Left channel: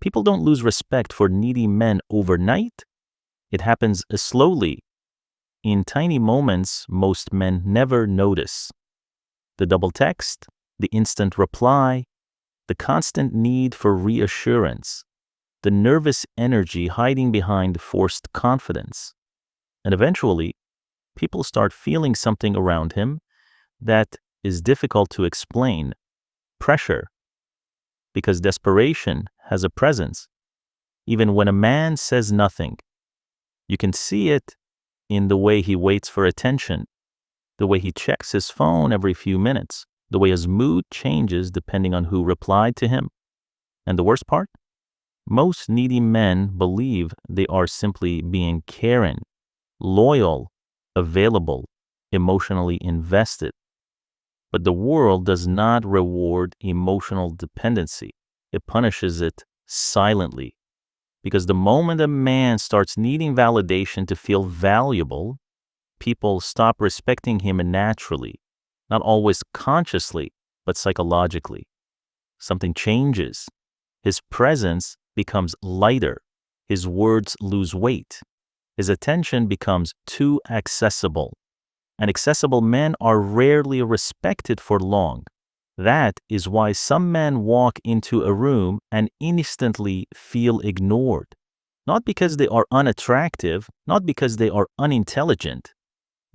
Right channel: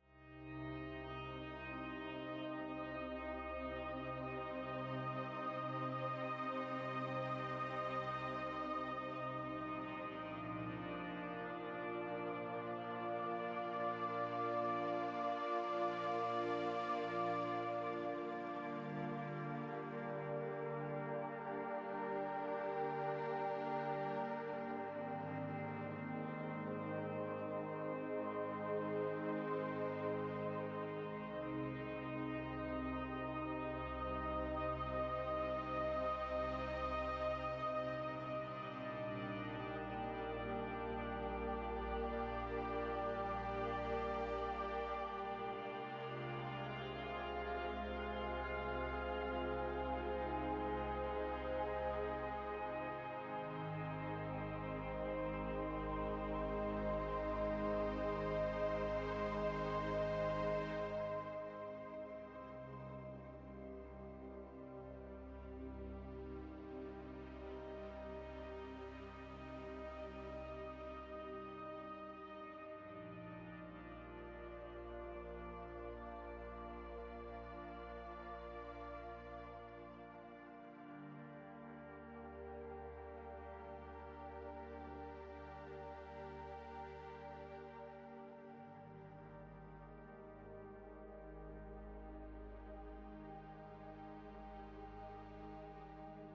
People don't lose respect for needy men overnight. It happens slowly, in tiny moments most men never notice. The double text, the instant reply, the constant need for reassurance, the nervous energy hiding behind forced confidence. And eventually, people start feeling something around him that is difficult to explain. Pressure. Because desperation has a presence. Even when a man says nothing, you can see it in the way he waits for attention, the way he checks his phone every few minutes, the way his mood changes depending on who replied to him. And the worst part? Most needy men believe they are simply being caring, loyal, available, emotionally invested. But the world does not reward emotional dependency. It punishes it silently. Because the moment a man starts needing validation to feel valuable, people stop respecting him naturally, not always consciously, but psychologically. Something changes. His presence becomes lighter. His words lose weight. His attention becomes too accessible. And accessible men are rarely respected for long. That is why some men walk into a room and instantly feel ignored. Not because they are unattractive, not because they are unintelligent,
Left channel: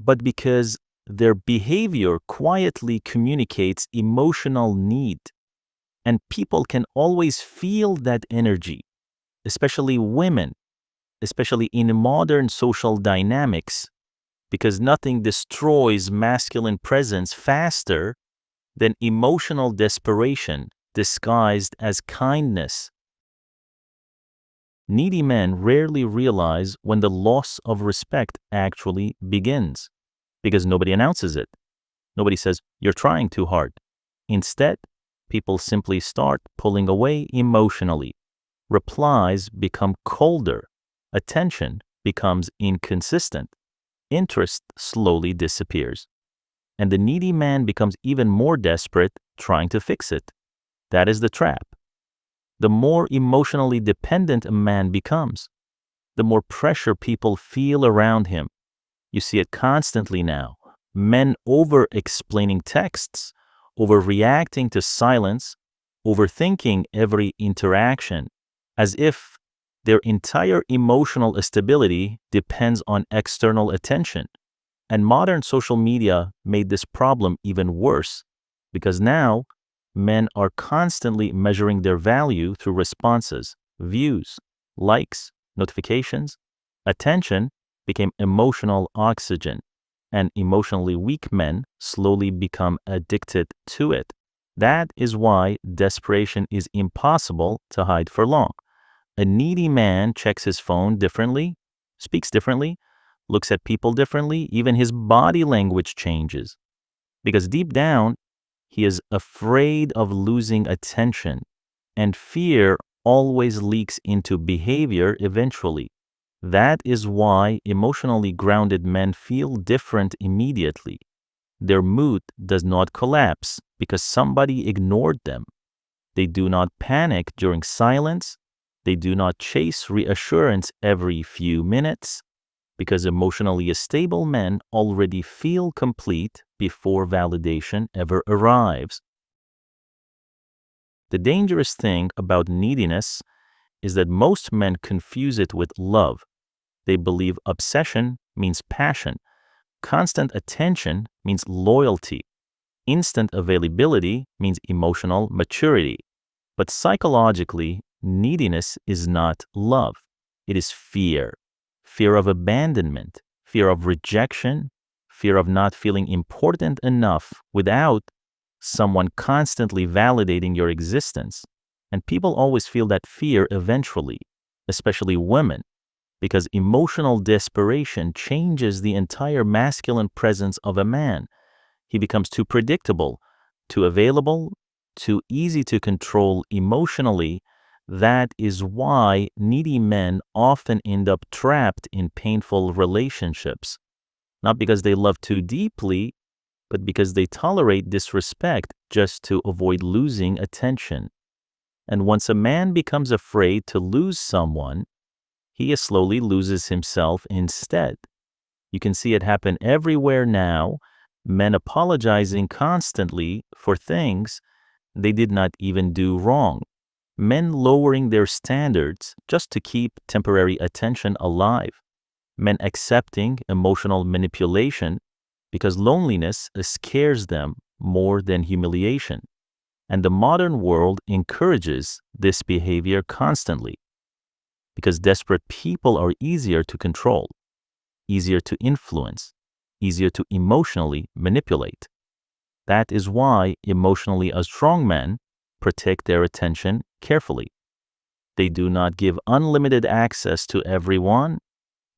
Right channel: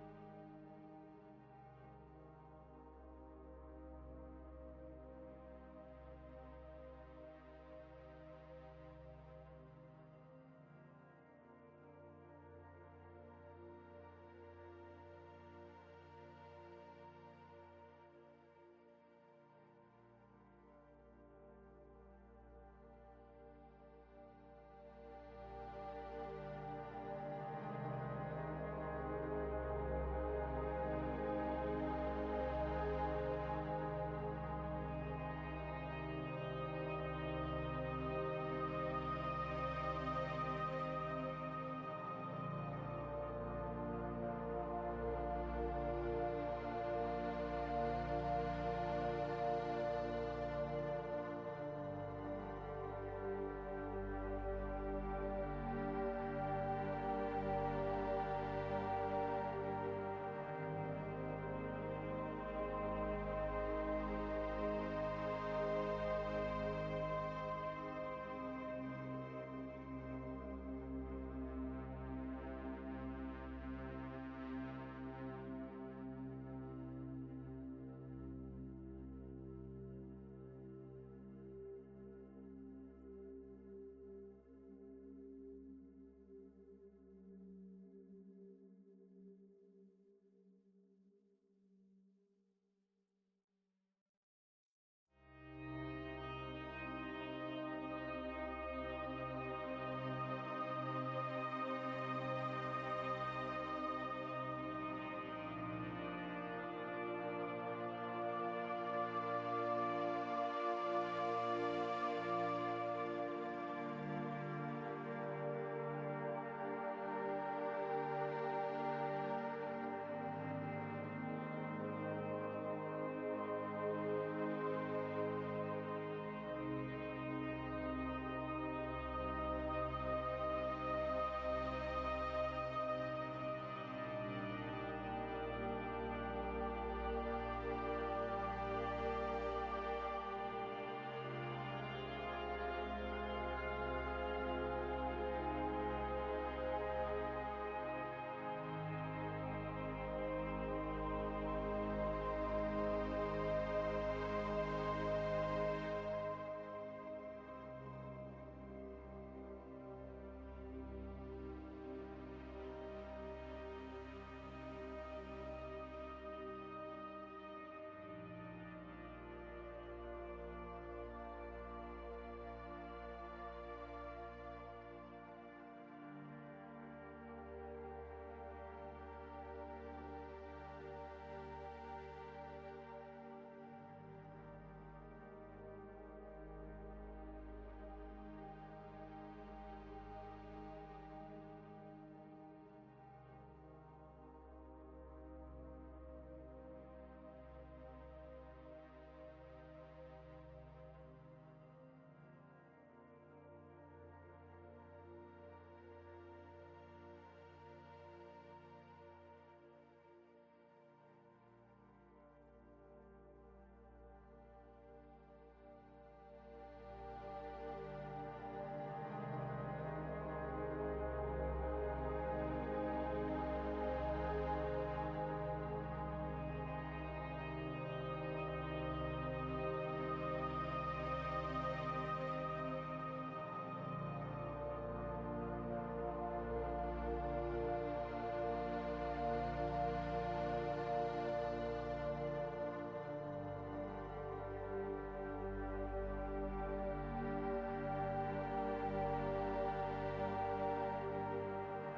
but because their behavior quietly communicates emotional need. And people can always feel that energy, especially women, especially in modern social dynamics, because nothing destroys masculine presence faster than emotional desperation disguised as kindness. Needy men rarely realize when the loss of respect actually begins, because nobody announces it. Nobody says, "You're trying too hard." Instead, people simply start pulling away emotionally. Replies become colder. Attention becomes inconsistent. Interest slowly disappears. And the needy man becomes even more desperate, trying to fix it. That is the trap. The more emotionally dependent a man becomes, the more pressure people feel around him. You see it constantly now. Men over-explaining texts, overreacting to silence, overthinking every interaction, as if their entire emotional stability depends on external attention. And modern social media made this problem even worse, because now men are constantly measuring their value through responses, views, likes, notifications. Attention became emotional oxygen, and emotionally weak men slowly become addicted to it. That is why desperation is impossible to hide for long. A needy man checks his phone differently, speaks differently, looks at people differently, even his body language changes. Because deep down, he is afraid of losing attention, and fear always leaks into behavior eventually. That is why emotionally grounded men feel different immediately. Their mood does not collapse because somebody ignored them. They do not panic during silence. They do not chase reassurance every few minutes, because emotionally stable men already feel complete before validation ever arrives. The dangerous thing about neediness is that most men confuse it with love. They believe obsession means passion, constant attention means loyalty, instant availability means emotional maturity. But psychologically, neediness is not love. It is fear. Fear of abandonment, fear of rejection, fear of not feeling important enough without someone constantly validating your existence. And people always feel that fear eventually, especially women, because emotional desperation changes the entire masculine presence of a man. He becomes too predictable, too available, too easy to control emotionally. That is why needy men often end up trapped in painful relationships, not because they love too deeply, but because they tolerate disrespect just to avoid losing attention. And once a man becomes afraid to lose someone, he slowly loses himself instead. You can see it happen everywhere now, men apologizing constantly for things they did not even do wrong. Men lowering their standards just to keep temporary attention alive. Men accepting emotional manipulation because loneliness scares them more than humiliation. And the modern world encourages this behavior constantly because desperate people are easier to control, easier to influence, easier to emotionally manipulate. That is why emotionally strong men protect their attention carefully. They do not give unlimited access to everyone.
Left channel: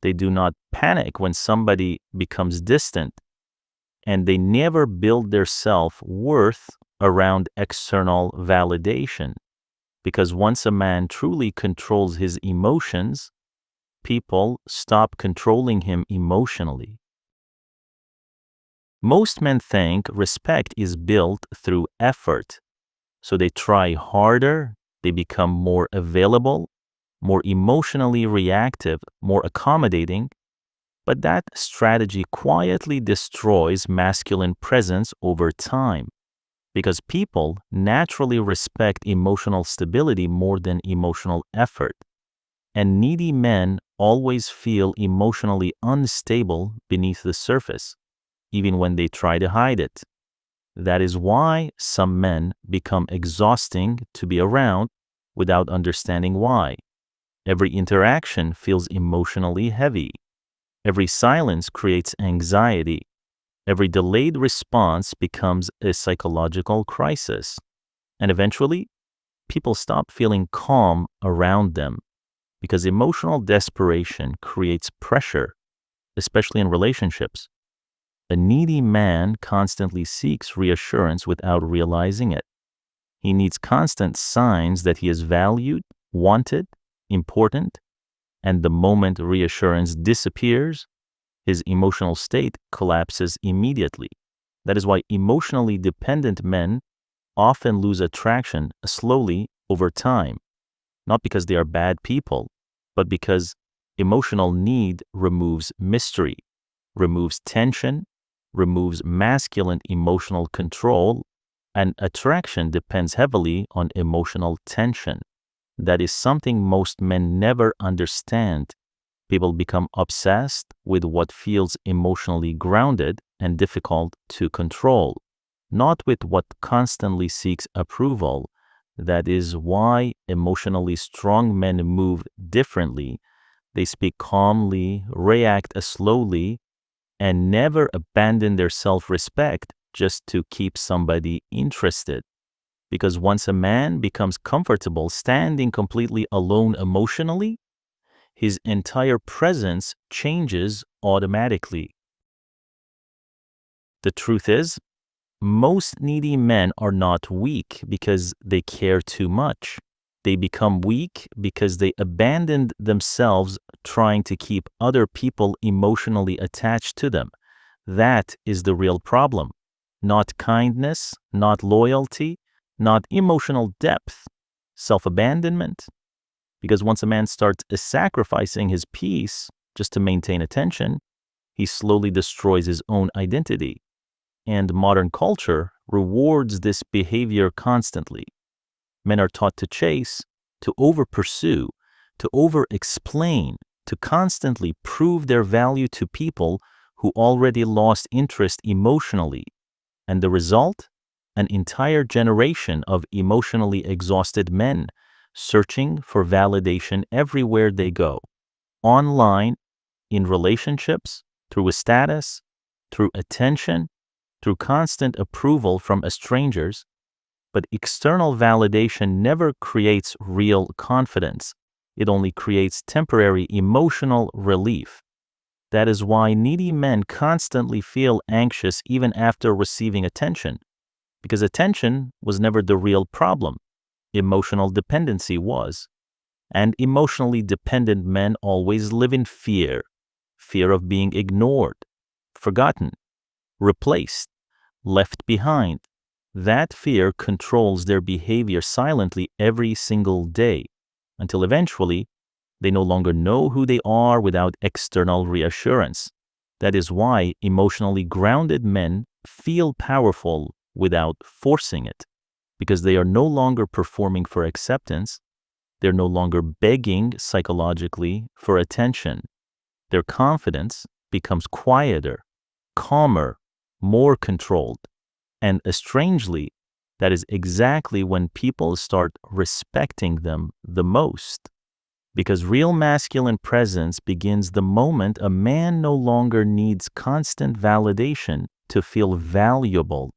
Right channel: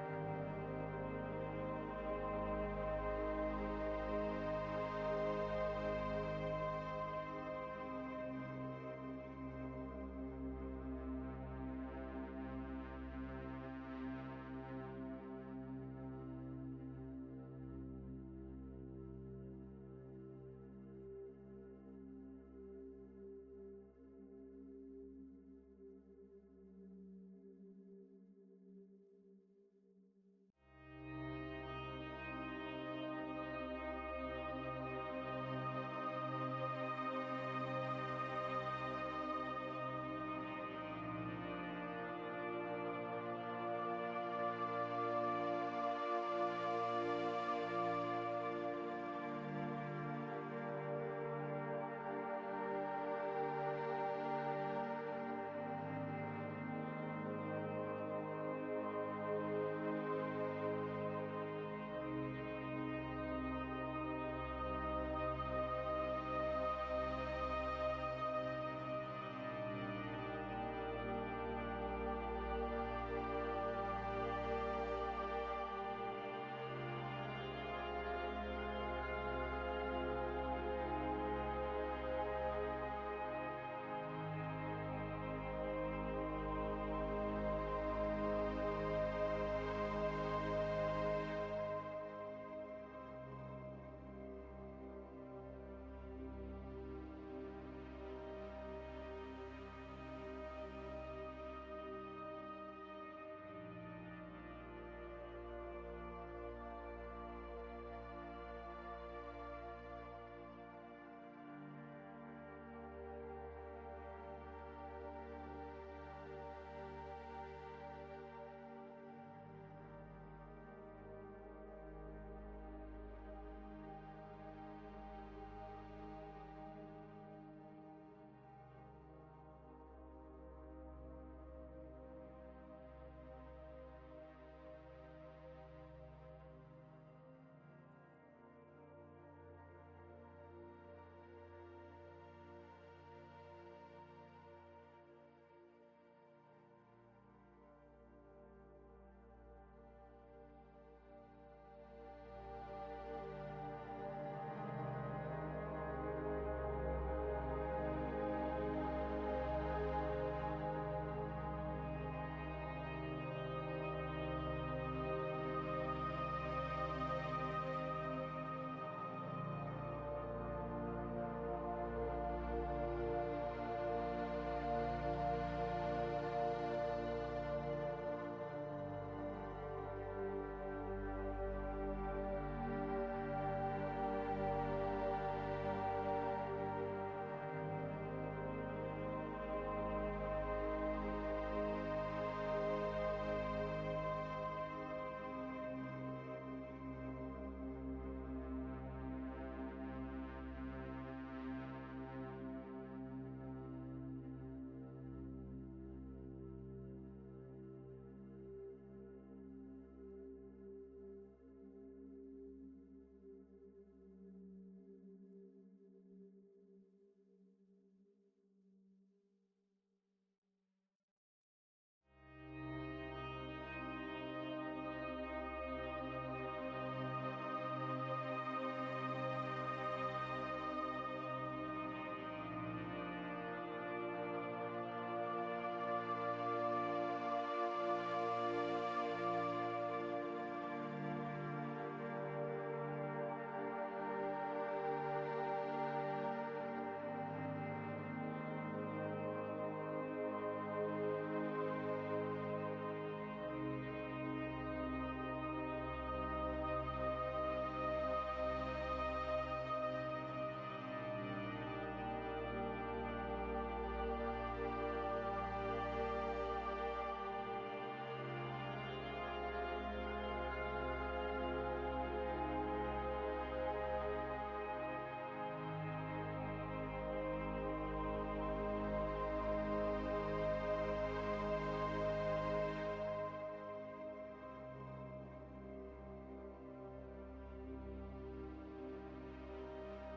They do not panic when somebody becomes distant. And they never build their self-worth around external validation. Because once a man truly controls his emotions, people stop controlling him emotionally. Most men think respect is built through effort. So they try harder, they become more available, more emotionally reactive, more accommodating. But that strategy quietly destroys masculine presence over time because people naturally respect emotional stability more than emotional effort. And needy men always feel emotionally unstable beneath the surface, even when they try to hide it. That is why some men become exhausting to be around without understanding why. Every interaction feels emotionally heavy. Every silence creates anxiety. Every delayed response becomes a psychological crisis. And eventually, people stop feeling calm around them because emotional desperation creates pressure, especially in relationships. A needy man constantly seeks reassurance without realizing it. He needs constant signs that he is valued, wanted, important, and the moment reassurance disappears, his emotional state collapses immediately. That is why emotionally dependent men often lose attraction slowly over time, not because they are bad people, but because emotional need removes mystery, removes tension, removes masculine emotional control, and attraction depends heavily on emotional tension. That is something most men never understand. People become obsessed with what feels emotionally grounded and difficult to control, not with what constantly seeks approval. That is why emotionally strong men move differently. They speak calmly, react slowly, and never abandon their self-respect just to keep somebody interested. Because once a man becomes comfortable standing completely alone emotionally, his entire presence changes automatically. The truth is, most needy men are not weak because they care too much. They become weak because they abandoned themselves trying to keep other people emotionally attached to them. That is the real problem. Not kindness, not loyalty, not emotional depth, self-abandonment. Because once a man starts sacrificing his peace just to maintain attention, he slowly destroys his own identity. And modern culture rewards this behavior constantly. Men are taught to chase, to over-pursue, to over-explain, to constantly prove their value to people who already lost interest emotionally. And the result? An entire generation of emotionally exhausted men searching for validation everywhere they go. Online, in relationships, through a status, through attention, through constant approval from strangers. But external validation never creates real confidence. It only creates temporary emotional relief. That is why needy men constantly feel anxious even after receiving attention, because attention was never the real problem. Emotional dependency was. And emotionally dependent men always live in fear. Fear of being ignored, forgotten, replaced, left behind. That fear controls their behavior silently every single day, until eventually they no longer know who they are without external reassurance. That is why emotionally grounded men feel powerful without forcing it, because they are no longer performing for acceptance. They're no longer begging psychologically for attention. Their confidence becomes quieter, calmer, more controlled. And strangely, that is exactly when people start respecting them the most. Because real masculine presence begins the moment a man no longer needs constant validation to feel valuable